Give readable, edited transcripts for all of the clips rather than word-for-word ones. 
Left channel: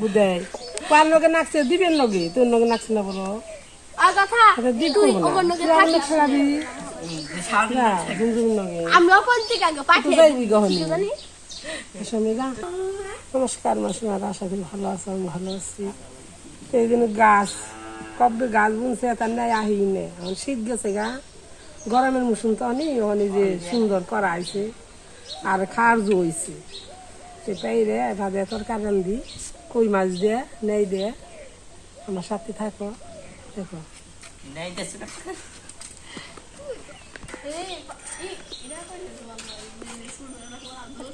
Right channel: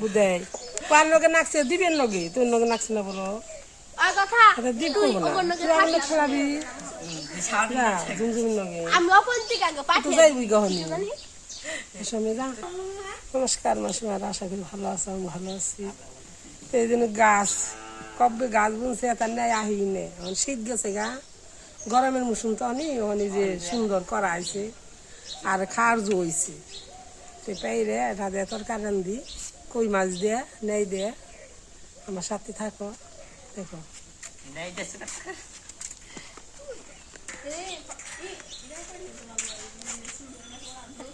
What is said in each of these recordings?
বুঝাই কার লগে নাচছে দিবেন লগে তোর লগে নাচছে না বলো দিক করবো না তুই খেলাবি নমস্কার মাসিমার আশা করি ভালো আছো আমি ভালো আছি তো এই জন্য গাছ কবে গাছ বুনছে তার নাই আহি নে এখন শীত গেছে গা গরমের মৌসুম তো অনেক যে সুন্দর করা হয়েছে আর খাওয়ার জইছে তো পাইরে রাধে তরকারি রান্ধি কই মাছ দিয়ে নেই দিয়ে আমার সাথে থাকো দেখো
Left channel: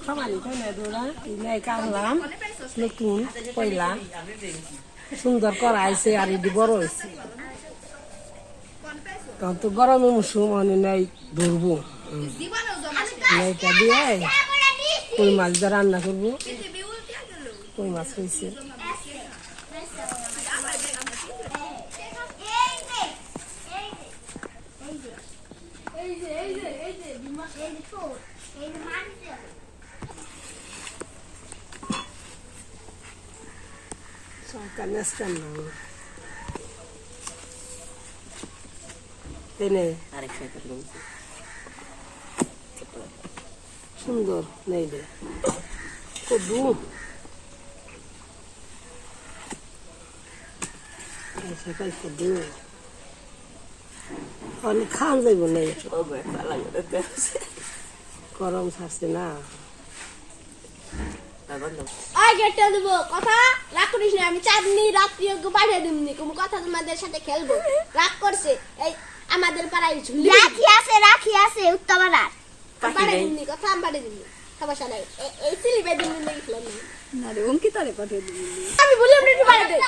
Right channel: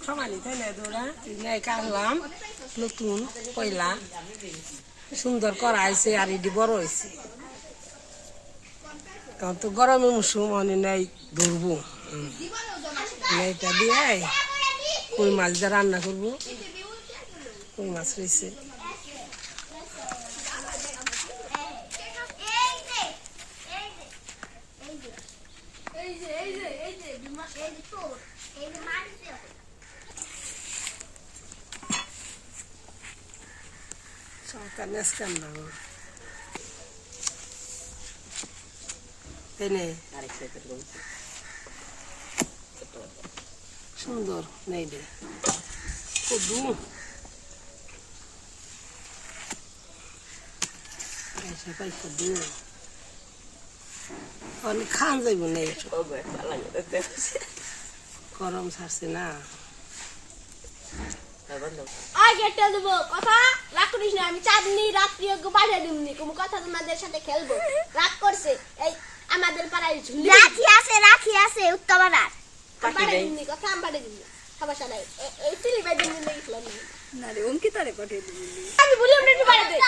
খামারি তাই না দৌড়া নেই কাটলাম নতুন পয়লা সুন্দর করা হয়েছে আর এটি বড় হয়েছে তখন তো গরমের মৌসুম অনেক নেই ধরবো নেইটা দিয়ে কই মাছ দিয়ে রান্না করবো কই মাছ হয়েছে সুন্দর নেই কদু কদু অনেক খাওয়া যাইব নেই গরম ছাড়ছে না কথা রাগ করিস না আমি চাঁদনি রাত্রি পাঠিয়ে দিমনি কোনো কথা তোমাদের সাথে খেলবো রাগ করছে এই আমাদের পাড়ায় রাখি আছে উত্তরপাড়ার পাঠিয়ে দিমনি কথা আমি পাঠিয়ে দিমনি সমস্যা নাই এই সিলিপে দিমনি দেখলাম না রে অঙ্কিতারে পাঠিয়ে দিমনি আমি বলি আপনি একটু পাঠিয়ে দেন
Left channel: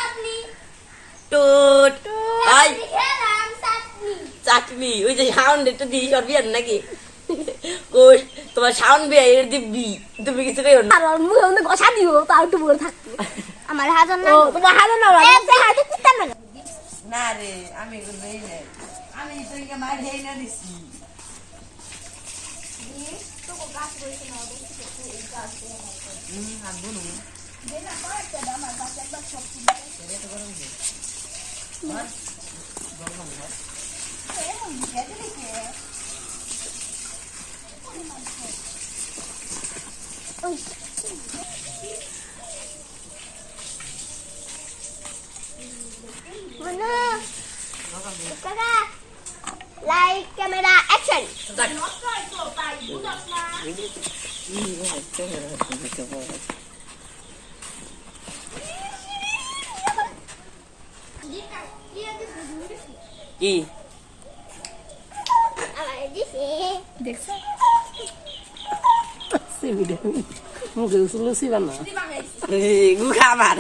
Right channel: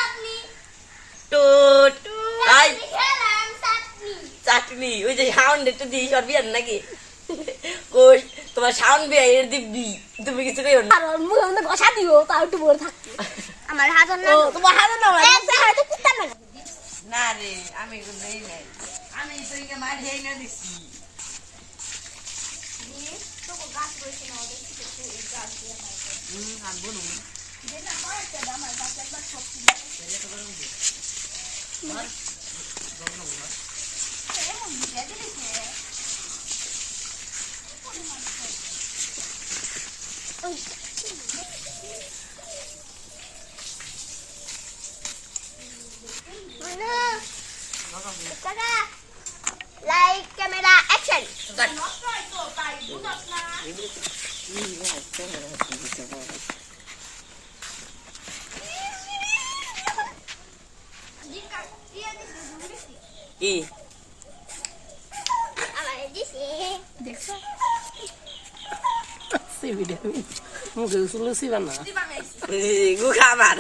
টুট আই চাটনি ওই যে সাউন্ড একটু দিই সরবিয়ান নাকি কই তোমার সাউন্ড বিয়া এর দিবি তুমি কিছু কইও না আর মুখে মধ্যে বসা দিও তাও একটু বড় থাকতে আমার হাজার না তোমার হাজার না হাতে কুত্তা না না রে আমি কোন নেই নাই আমি তো ইকে মার হেই না দিছি তো গাছ রইছে না ওদের থেকে এই গাছ দিয়ে হাত বনু দেনা পাওয়াতে আমার গাছ একবার সব ছিল এটা তো গরম দি গরম না এমন ভিজে দিছে Like camera action. কি দেখছো মুখে লুচি বানা গু খাবার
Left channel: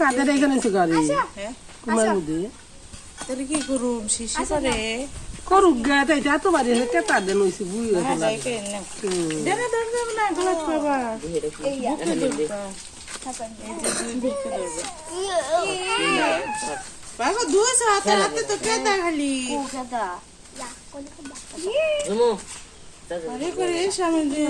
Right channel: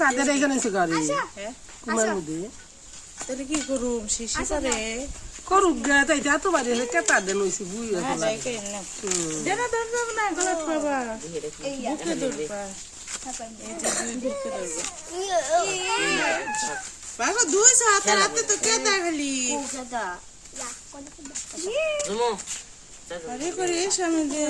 তাদের এখানে এসে গাড়ি কুমার মধ্যে কি করুম শিশি করে করুক গে তাই এত বাড়ি হেঁটে তাদের নইছে বুই দেনা দরকার না গলাত বাবা বাবা দুই হাতে হাতে তো কেদা খালি আরে করে সামনে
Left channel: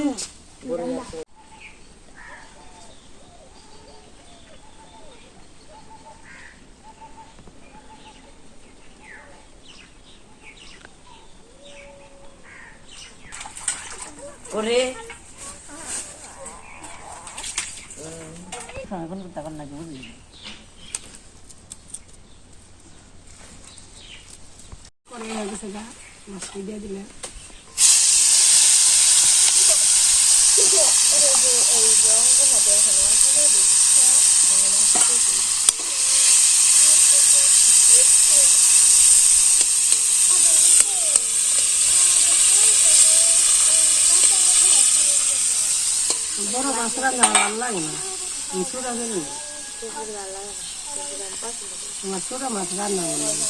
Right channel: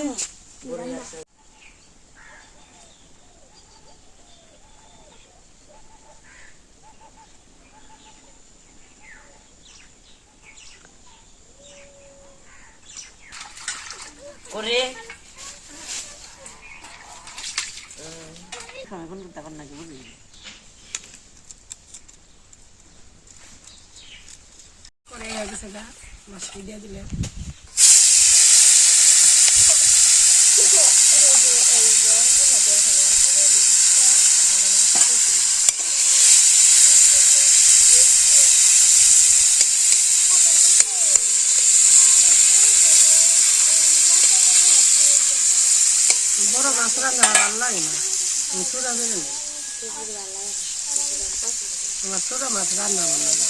ওরে এখন তখন নাকি বুঝলি করে গেছে গা মাছ দিয়ে দিলে বড় মাছ রান্না ভালো লাগে না ছোটা দেবে না আমার ছোটা মাছ রান্না ভালো লাগে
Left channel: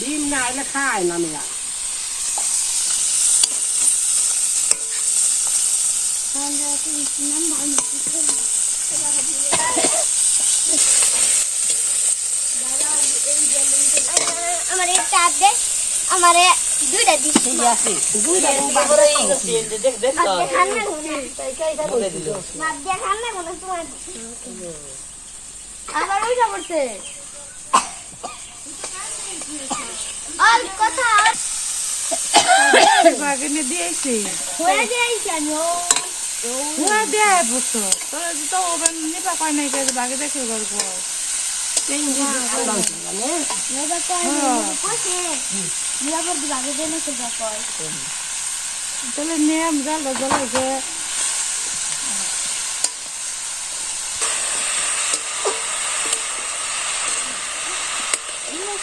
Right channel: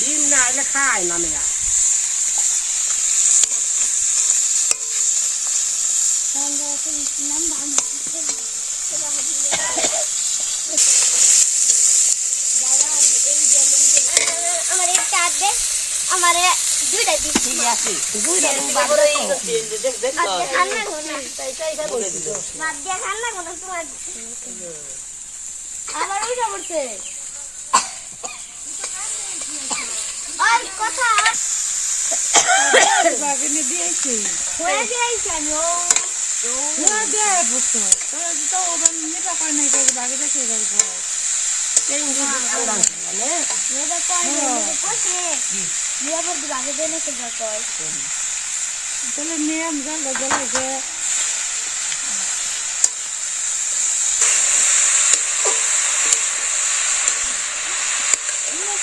ডিম না এলে খায় না মেয়া আমার একটা আছে আমারে দুইটা দিছি দুইটা বাদ দাও খান্না কোনা বাদ দিয়া খান্না কোনা তোমার আবার ওইটা পড়ছে আর কথা বাগিনে দিয়েছি হয়ে যাইছে আমি ওরা দেয় বসো তোরা তো ওবার নিবা কয় নাই করে বাগে দেখে গল্প মেয়েটা কয় কইছে বিয়া পর দিবাগে দেনে তো যা কয় তাহলে নিয়ম জাল জ্বলাইছে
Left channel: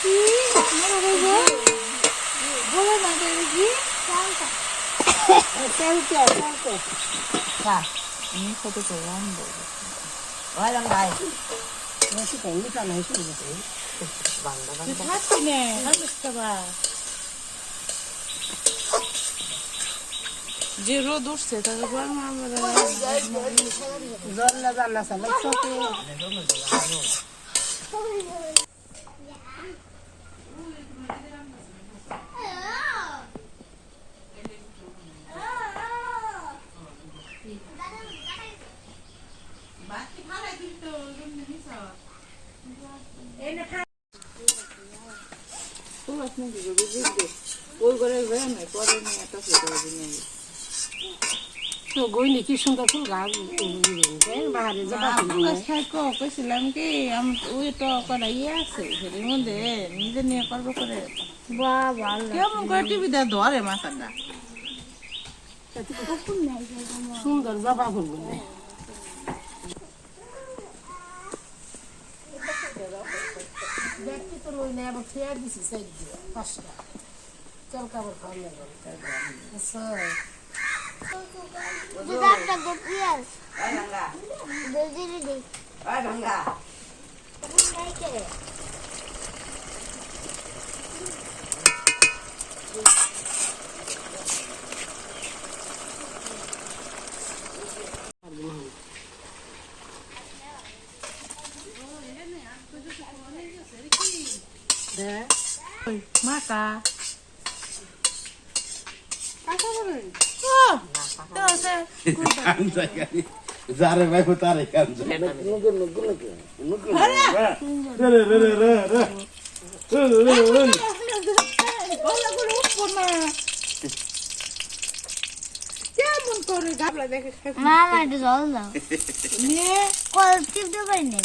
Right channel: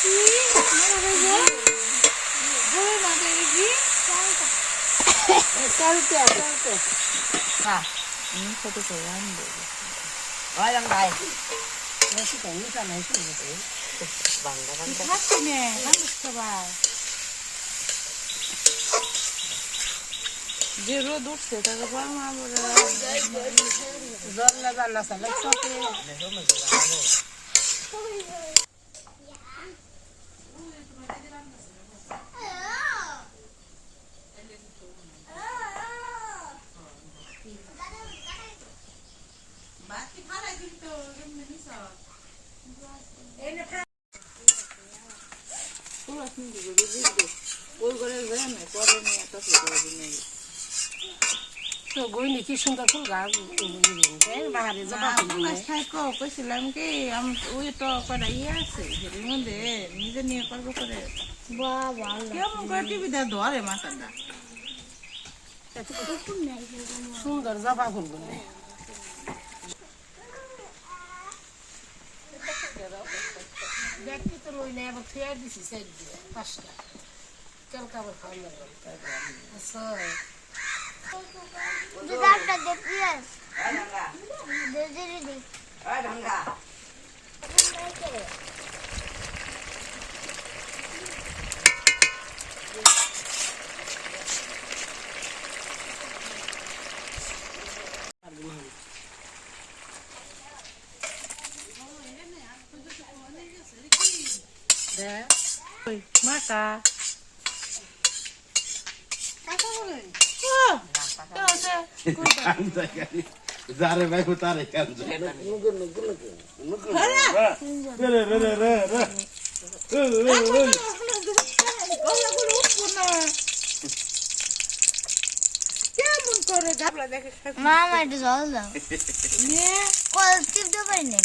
কি মারা গইছে বলে না দেখি কোনটা চলতে কত করে আনবো ওই রং ভাই বেশি টাইম নিতা নাই শুনবো খাচ্ছি নে খাবা যে রোদ উঠছে তারপর আমরা জল রান্না চালে চকে গইনি কি সুন্দর ফুল গাছ বাহারে জবা ফুল কইছিলাম কি ওই তো করা ইয়ে আছে এর মধ্যে নিজে নিয়ে করবো করে বাবা কেমন করে টিভিতে ধরে মাথাটা সুন্দর জবা ফুল গুলো দেখতে তো লই না আবার ফেয়ার দিছি সাইড দিয়ে 5টা কালকা আবার খাওয়া লাগবে আচ্ছা দুটাটা দেখিয়েন ওই রঙ্গা দেজি দি ওই রঙ্গা নাই করে মাকা যারে ভাই তারে কাম কেমন করে গাবলা দেখে মামা একটু জল দাও নিয়ে কল টিপ দিতে পারি না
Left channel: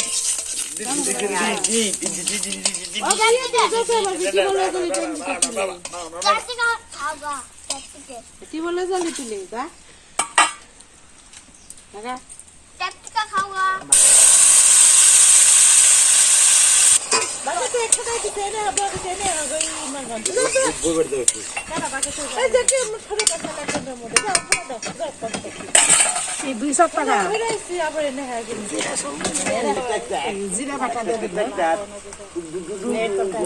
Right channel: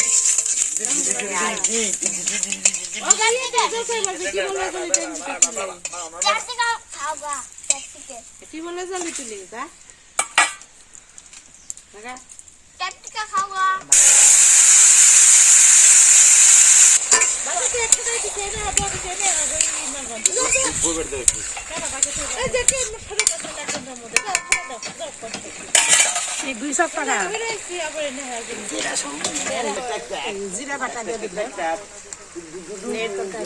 ও গালি দেখে বলবি কি বলে গলি চারটে খাওয়া চারটে কি বলে জালি তুলি তা লাগা চারটে খাওয়া বাবা তো একটা দাই দিতে না বাবা কে না গই মাগন এই দেখে মুখে কথা লাগছে মধ্যে দাও দাও এই 200 টাকা হইরাইছি আবার এনে হয়ে গেল জিরা বাটা দিয়ে দিতে নেট করতে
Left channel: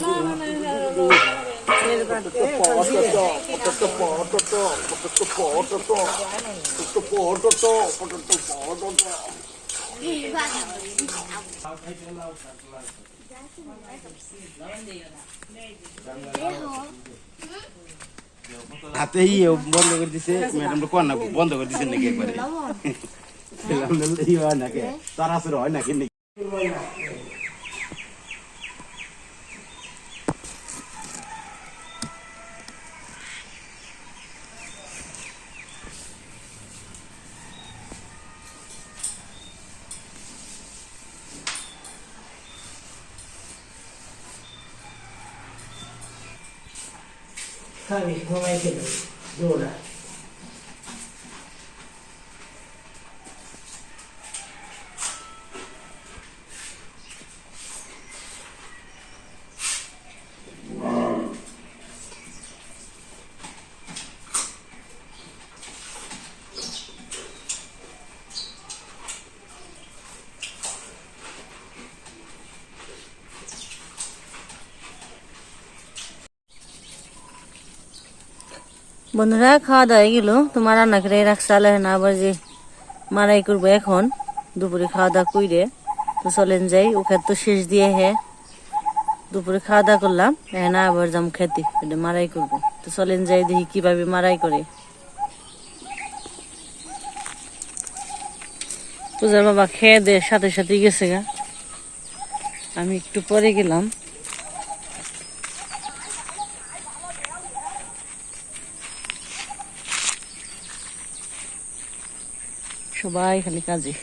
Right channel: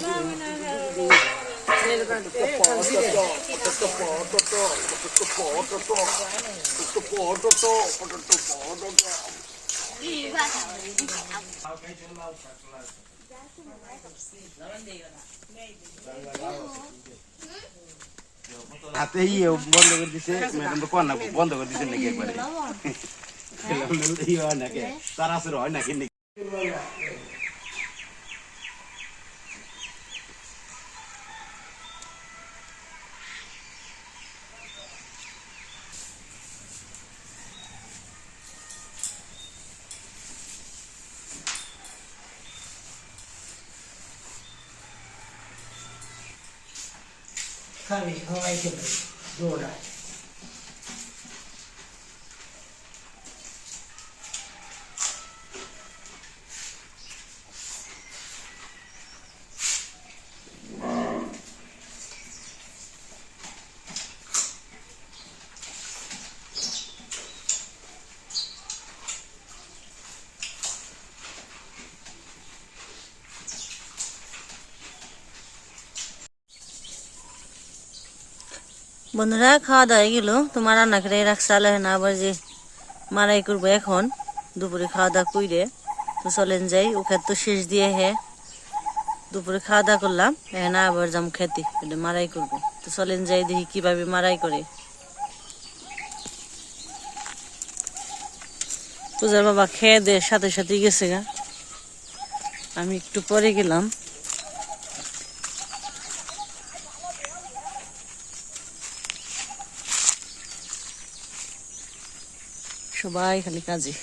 হাতে বন্ধ করে দিছে ম্যাডাম তো কোন বন্ধ করে দিছে নাকি একবারে ইয়ে হয় নাকি তার আসর হয় নাকি খাবি সবাই খেলো দৌড়ায় বন্ধুরা খাওয়া দাওয়া হয়ে গেল, তোমার রান্না করে রাখছে আলো না, আবার যে মারাই করবো এখন দুপুরে খাওয়া দাওয়া কইরে। তো চলেন যাই, ওকে তো শেষ দিয়ে দুপুরে খাওয়া দাওয়া করলাম, এখন আবার যাম খেতে, এটা মারাই করবো। তো চলেন যাই দেখি কিভাবে মারাই করে। পূজার বাবা খেয়ে দে সাথে সাথে গেছে গা, আমি একটু পরে গেলাম। সবাই খালি কাজে।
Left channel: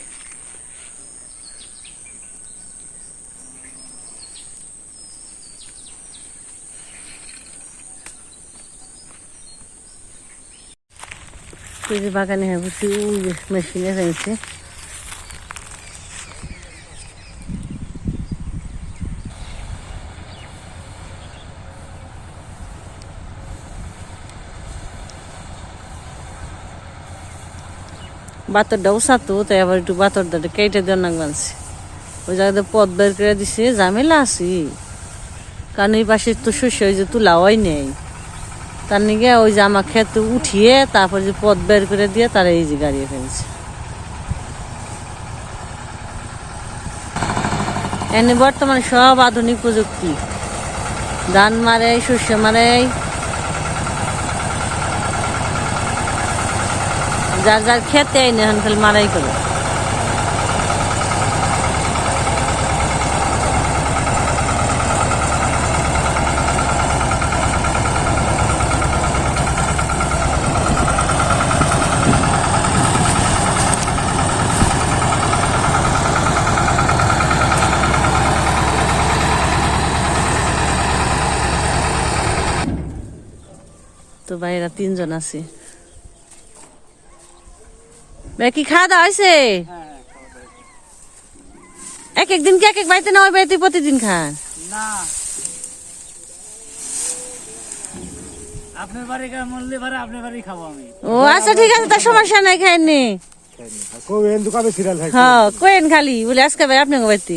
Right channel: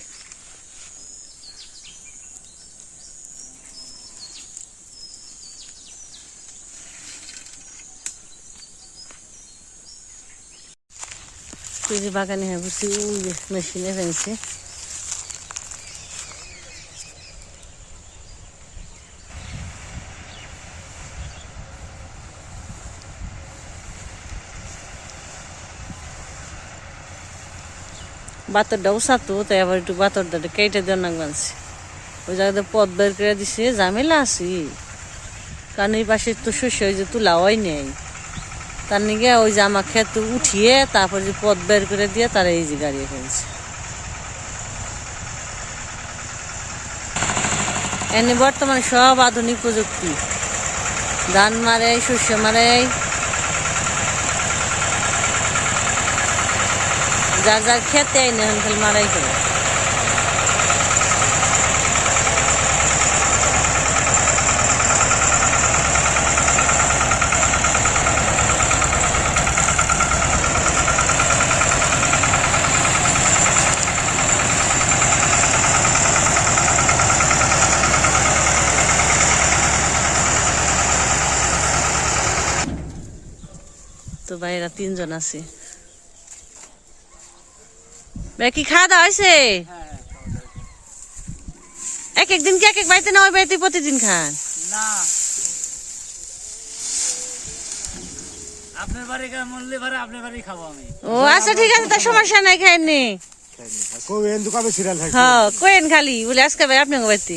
এই যে বাগানে বসে ওই যে মেশিনে ফেলছে। বাতরটাও সাতো, তাই আবার একটু বাতরটা কেটে দেওয়ার নাক বানছে। ওই জায়গাতে পথ বের করে দিছে, ঝামেলা আছি, কারণ এই পাশে তো শস্য ওই যে তুলা হয় নেই, তার নিগে ওই যে আমার ক্ষেত উঠিয়ে তারপর যে পথ বের করে দিয়ে তারা এই যে গাড়িয়ে ফেলছে। এনে বর্তমানে সব আধুনিক প্রযুক্তি, ধান মারে, শস্য মারে, যার যার খেতে আইনে এখন খালি মারাই করে। তো ভাইরা 3 জন আছে। ভাই কি খাওয়া দাওয়া হয়েছে? এক একদিন কি এক এক বাড়িতে না ওই বাড়িতে প্রতিদিন খান? না, আপনার বাড়ি মরলে পারে আপনার বাড়ি খাবো আমি। ও আচ্ছা ঠিক আছে, তার সমস্যা নাই, খাইনি। হ্যাঁ কোয়েন খালি বলে আজকে ভাই আপনার বাড়িতে।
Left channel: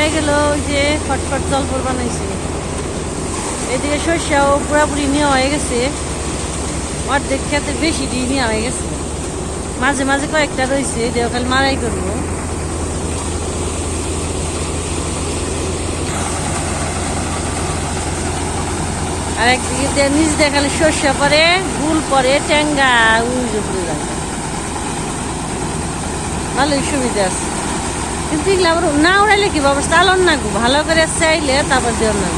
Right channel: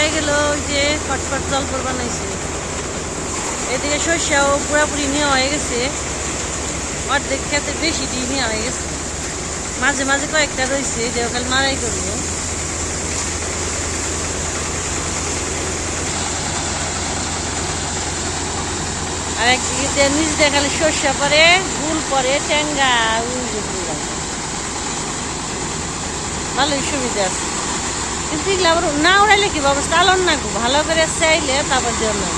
হয়ে গেল, ওই যে ফটফট জলপর বানাইছে। এদিকে শস্যও পুরাপুরি নেওয়া হয়ে গেছে, অর্ধেক খেতে বেশি দিয়ে নেওয়া হয়ে গেছে। মাঝে মাঝে কয়েকটা রয়েছে, যে ওখানে মারাই করবো। আর একদিকে নিচ দেখালে শস্য পরে, গুল পরে, টেঙ্গা ভালোই সুবিধা আছে। কিন্তু এগুলো আবার না উড়াইলে কি বাবা চালন না, ভালো করে চাইলে তারপর দেওয়ার না।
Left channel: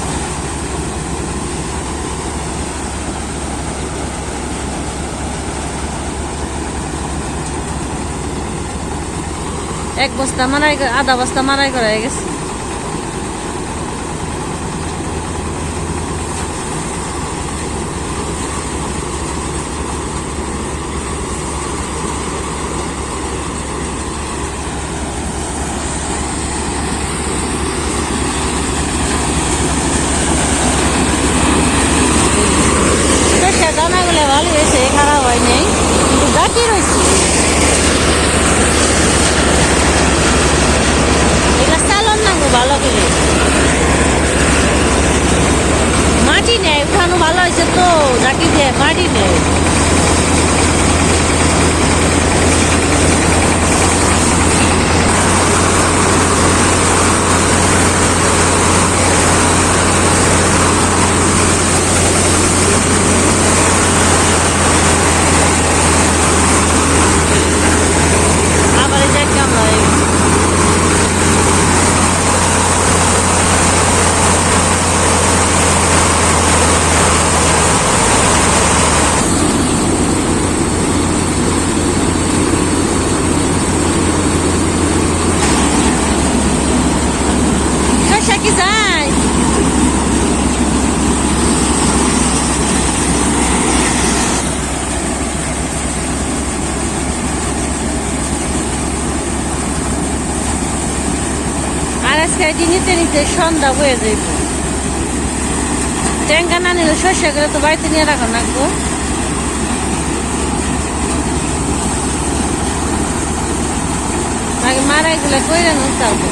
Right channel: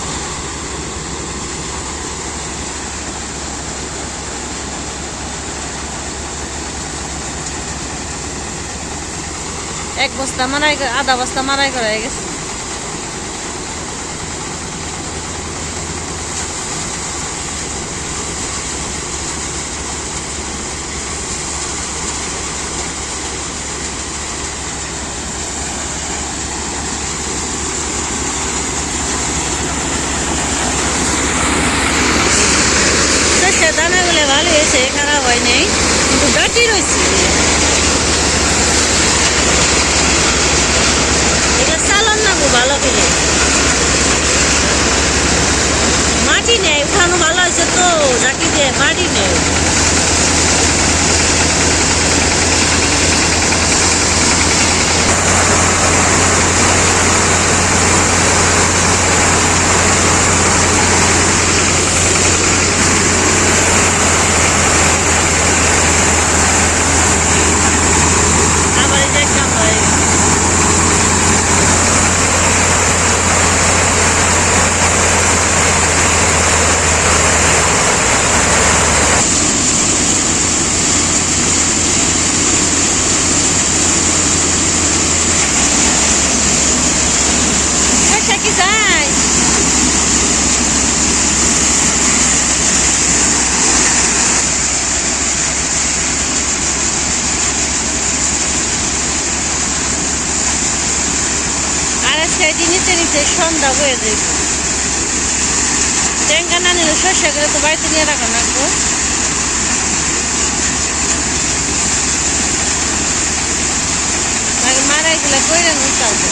এক বস্তা মারাই, আধা বস্তা মারাই করা হয়ে গেছে। দানাগুলো ভালো হয়েছে, খারাপ হয় নাই, কিন্তু গাটি রয়েছে। এগুলো চালন না গো ভালো করে, মাটি নেই উঠানো ভালো হয়েছে তো, গাটি দিয়ে মাটি নেই। কি যায় আর আজকে নিতে নিতে সন্ধ্যা হয়ে যাইব। টেঙ্গা না নিলে শস্য করে তো বাড়িতে নিয়ে রাখা লাগবো। মারাইগুলা করে নো চালবো।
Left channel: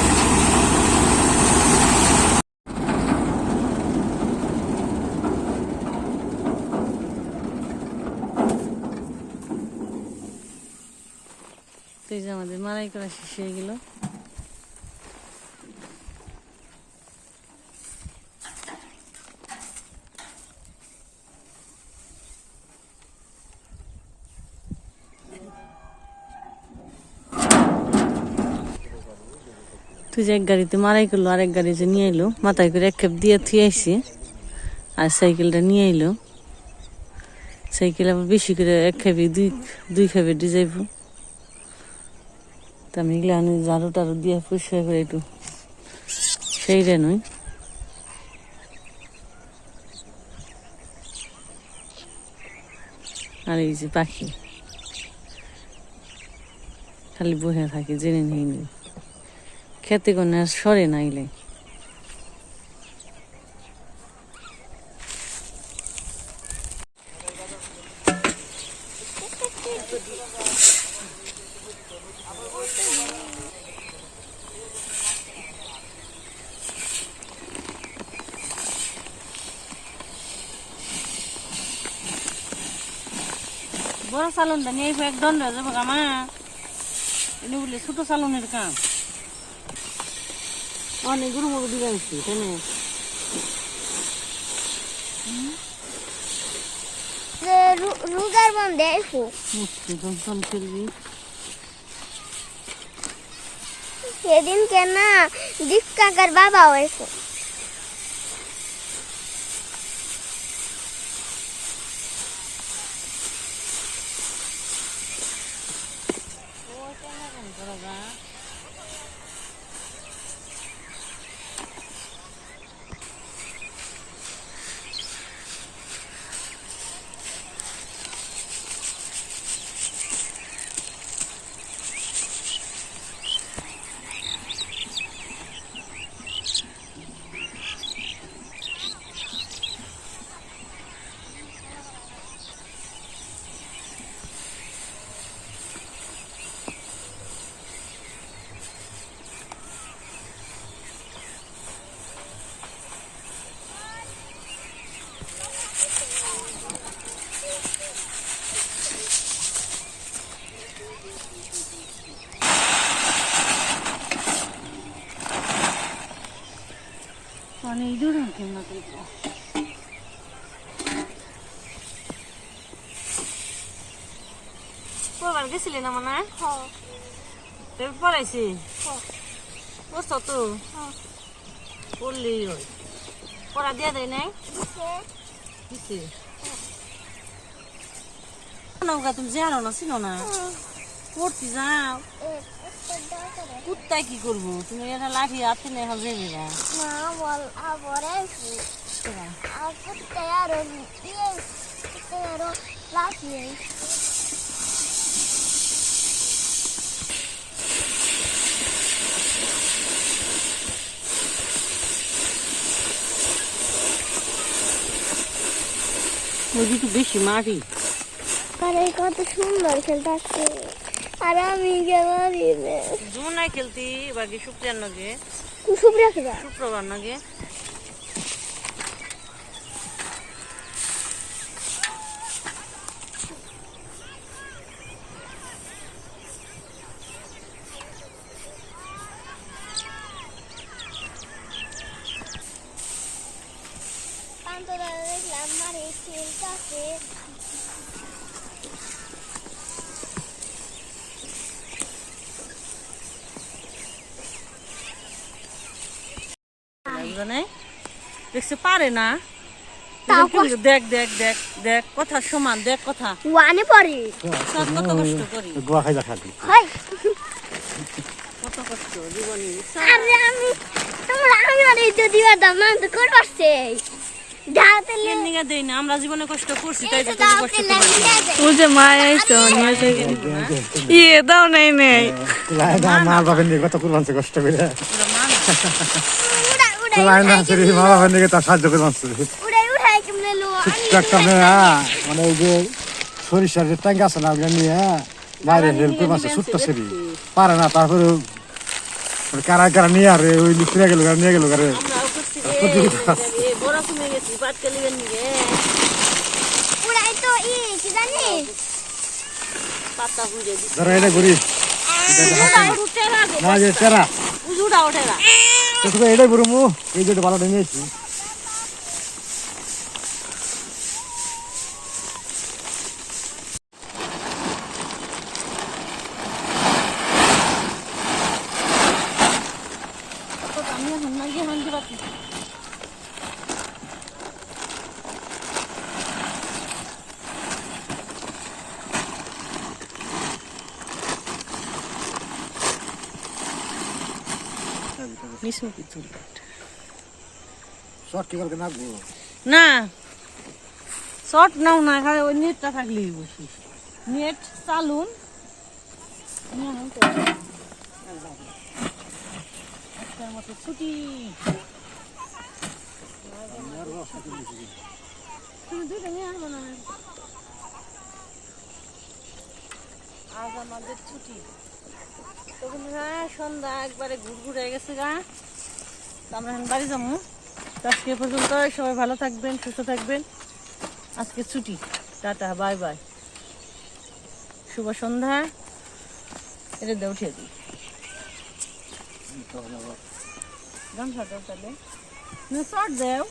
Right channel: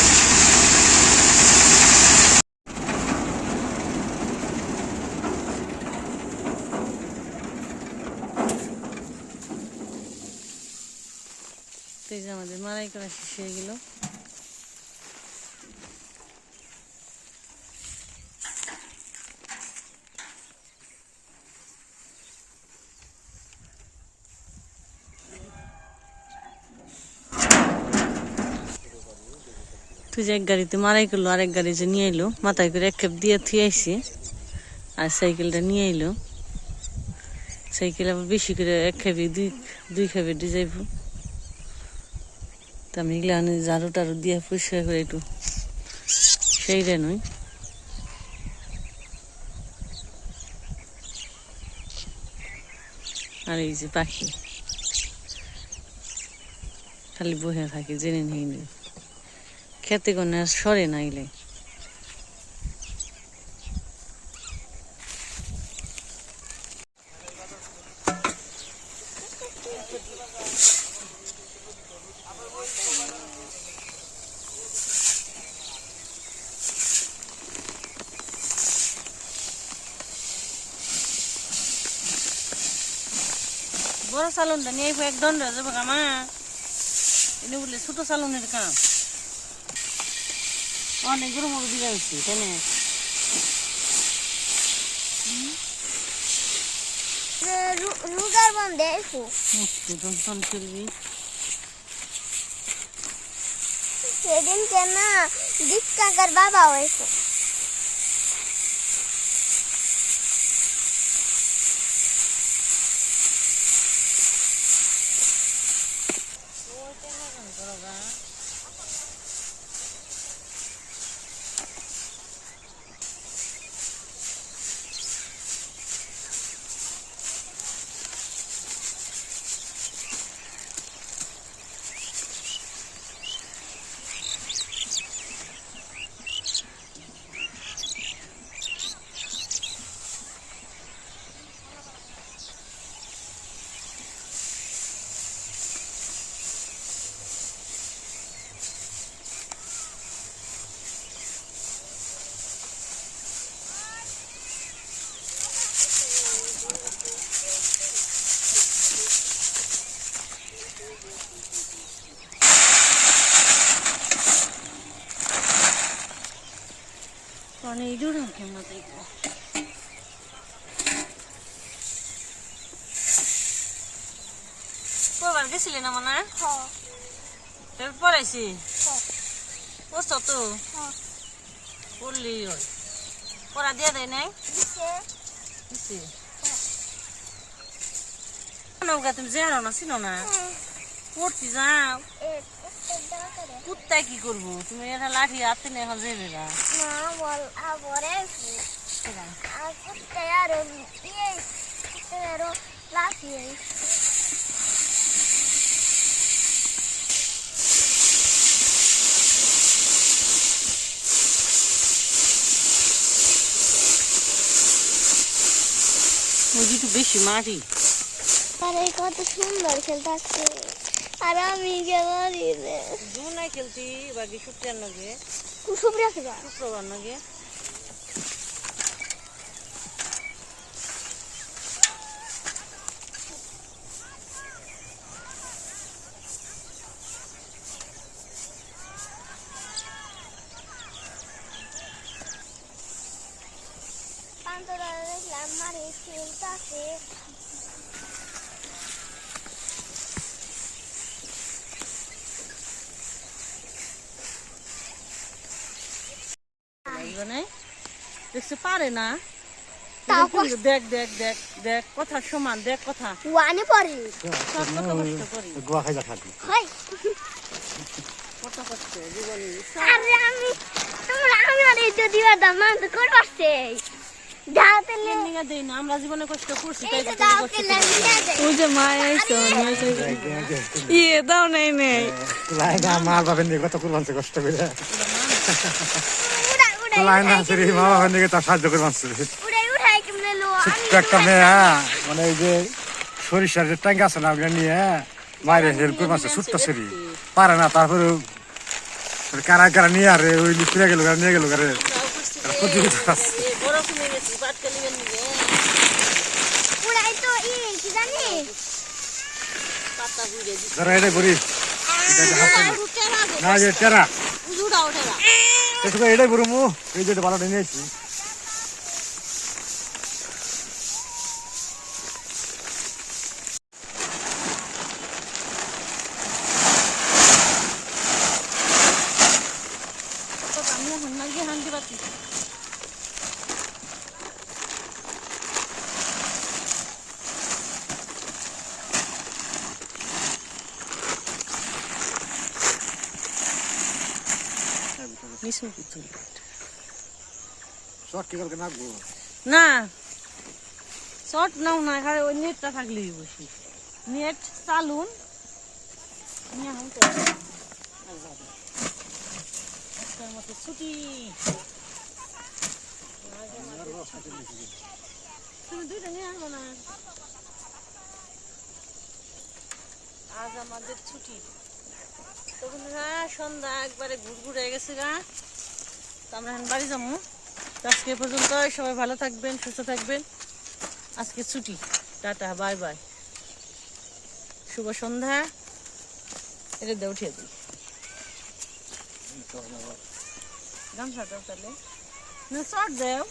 আমাদের মারাই করা শেষ হয়ে গেল। তুই যে এক গাড়িতে মারাই করলো, আরেক গাড়ি যে নিয়ে এলো, মাথায় করে এক খেপ দিয়ে থুয়ে আসি, আর সাইকেলটা নিয়ে এলো। সাইকেল আবার বেশি করে এক খেপে দুই খেপে দিয়ে যাইব। তা আমি এগুলো ঝাড়ু টাড়ু দিয়ে পরিষ্কার করে একটু সেইটা নই। আর এই যে পাখি খালি বসে থাকে, জেনে নেই খেতে কোনো আর সরে নাইলে। বড় সালুনটা নিয়ে এক দণ্ড হয়ে যাবো কামা, এনে বললে ছোট সালুনের কাম অনেকগুলো মুখ দিয়ে আনছি কেন। রুগার বন্ধে সেদিন কেন দীপ কাকার বাবা হয়েছে। পড়বার গেছিলি না মনে পড়াইছি পড়ছ তো পড়লি ওই পড়া দিয়া দেয় নাই দিছে নৌকা তুমি জানো না চিনো না পড়তে যাও কুত্তায় কি করবো তুমি এটা লাঠি হাতে নিয়ে এখন যাবে না ওই একটু বেশি মাটি আরে কত সুন্দর খেলতে আর আমি গেলারি রে যমুনায় খেলতি বাকি শুক্রিয়ার নগে শুক্রবার নগে দেখলাম মারে খেলতে দেখছে পারে না দেখ দেখ দেখ দেখ কথা সমান দেখ কথা ওয়ানে পড়ে কত কষ্ট করি গোয়া খাই দেখা হয় কত কষ্ট জীবনে আরে আমি তোমরা আমি তো দিয়া দাম না তো কর পারছে যাতে নিয়ে দেই না আমরা জীবনে কষ্ট করছি তাই তো তুমি কষ্ট করবে ও যে মা আইছো নিয়ে যাই ইয়ে দাও নাই নেই মা বাবার নিয়ে কত করবানছে কষ্ট করে মা বাবার নিয়ে তার সাহায্য করবানছে উড়াই কেমনে লো ছোট্ট একটা মেয়ে মানে এই যে সরিষার যে ট্যাঙ্ক আছে না ওগুলো নিয়ে বাইরে হেল্প করবানছে ছোট্ট শরীর পারে না তারপরে কারা কারা নিয়ে আর ওই লিখে গেল নিয়ে গেল আরে প্রতিযোগিতা আছে বড় কমে গেছি বাদ কেলিবেন নিয়ে উড়াই তো কি জানিস পাতা বুঝে দিছি ধরো এটা ঘুরি না যে তেরা উজুড়া ওঠেরা এটাই ঘুরু মু এই যে ভালো নিয়েছি আমি এখন না গিয়ে হান্দি পাচ্ছি শর্ট কি করে নাগবো না শর্ট নাও না খালি ওই নেটটা থাকলেই বসি নেট চালুন মতো ছুটি তুমি দুইটা নিয়ে আসবো না আজ আমাদের ছুটি তখন সন্ধ্যা একবারে ঘুরঘুরে গেছে গা তো আমরা এখন বাড়ি যাবো আজকে পর্যন্ত সবাই ভালো থাকবেন সুস্থ থাকবেন আজকে ছুটি টাটা বাই বাই শুভ সন্ধ্যা এটা দিয়ে উঠিয়ে দিই গামছাটাও তাহলে না শর্ট দেও